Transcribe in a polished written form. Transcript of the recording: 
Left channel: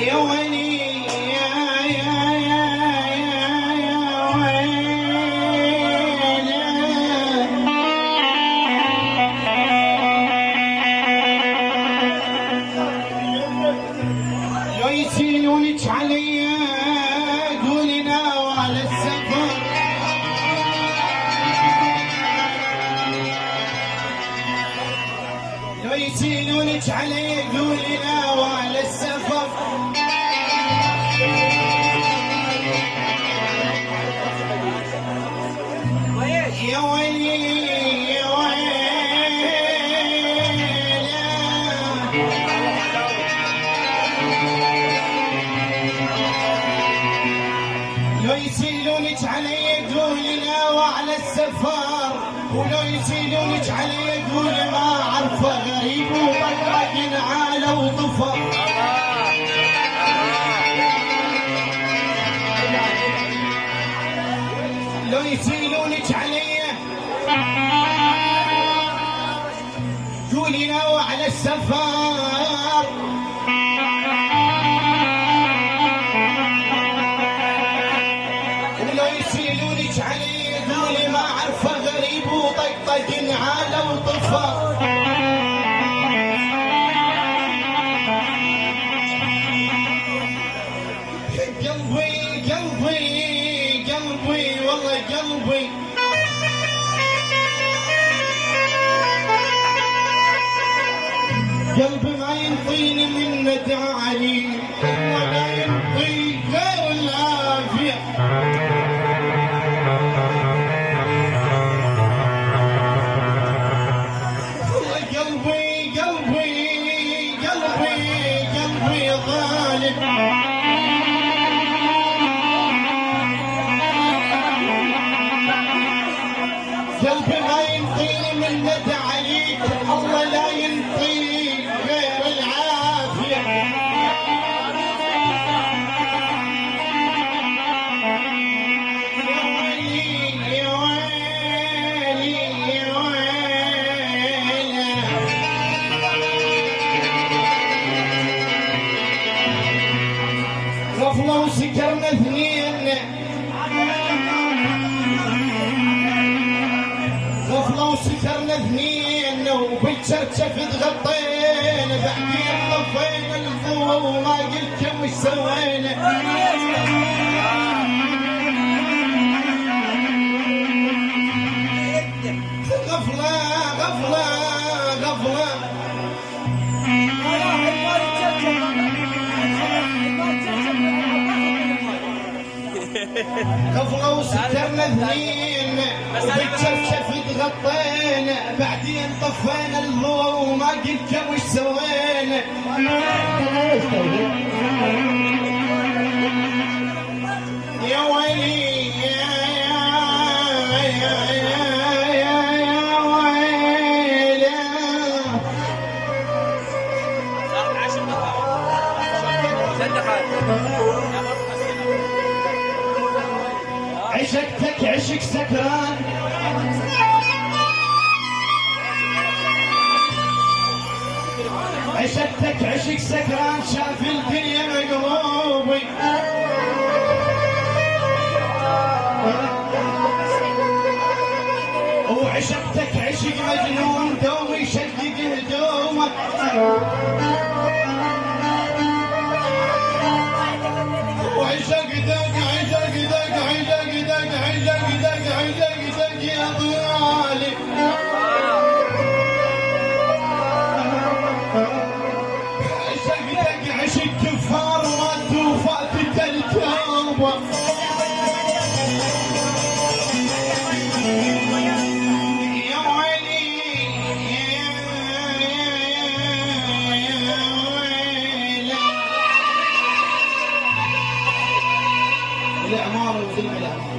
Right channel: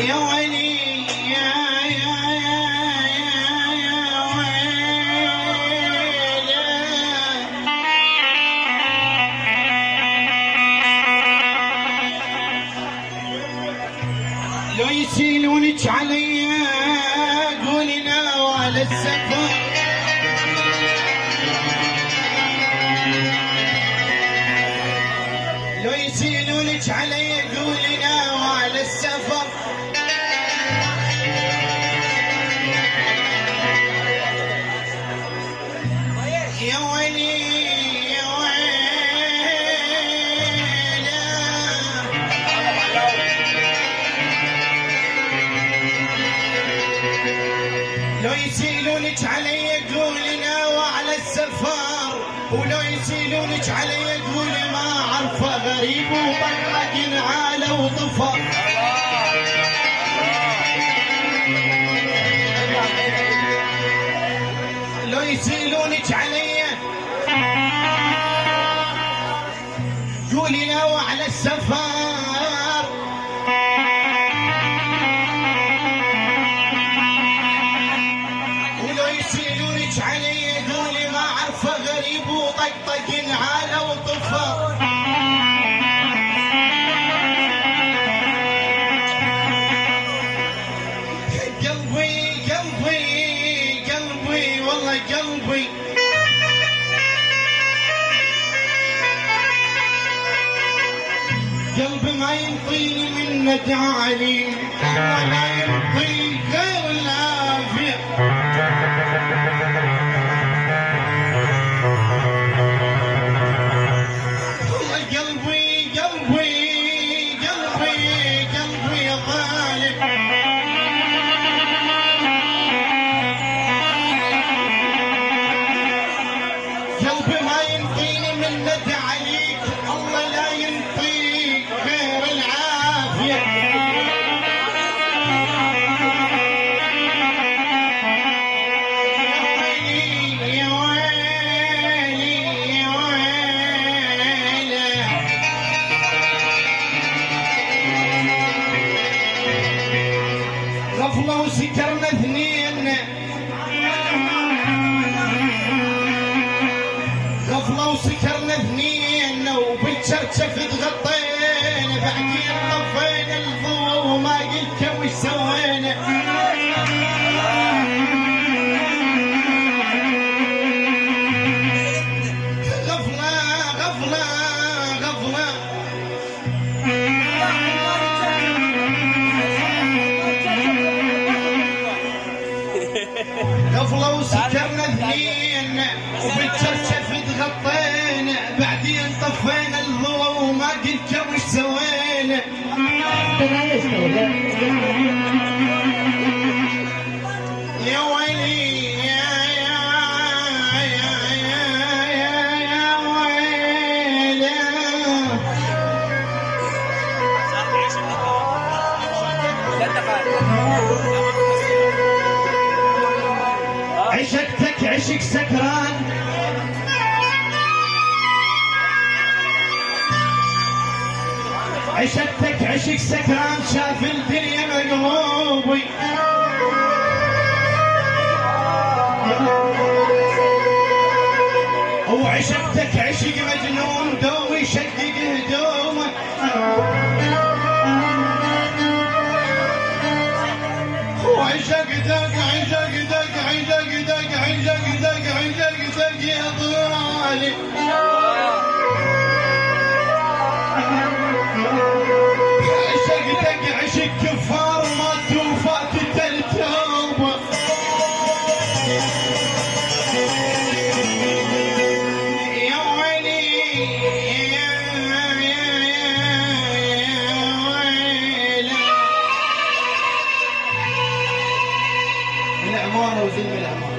يا ويلي يا ويلي لو يشيلونك علي قولي ناوى على السفر لو يشيلونك علي قولي ناوى على السفر يا ويلي يا ويلي لو يشيلونك علي قولي ناوى على السفر ولو يشيلونك علي قولي ما عرفه غريب وبقرق على وطفر لو يشيلونك علي قولي ناوى على السفر ولو يشيلونك علي قولي ما عرفه غريب وطقطق على وطفر قلبي قلبي قلبي والله قلبي قلبي ما ينطيني من تعالي ولا ينطي غير العافية والله قلبي قلبي قلبي قلبي ظالم قلبي ما ينطيني من تعاليك الله لا ينطيك غير العافية يا ويلي يا ويلي يا ويلي غفلة وسكرنا اثنين غفلة وسكرنا اثنين وبالشرشف تغطينا بعدين طفينا الضوء وما قلت وش سوينا غفلة غفلة غفلة غفلة وسكرنا اثنين وبالشرشف تغطينا بعدين طفينا الضوء وما قلت وش سوينا يا ويلي يا ويلي عشقتك عشق سكران عشقتك عشق سكران شاف الدنيا مقلوبي وعشقتك عشق مجنون دوي شقق هدومك وعشقتك عشقتك عشقتك عشقتك عشقتك يا ضالي عشقتك عشق كفار ما توفات التوبة يا ويلي يا ويلي العمارة وفيلم العمارة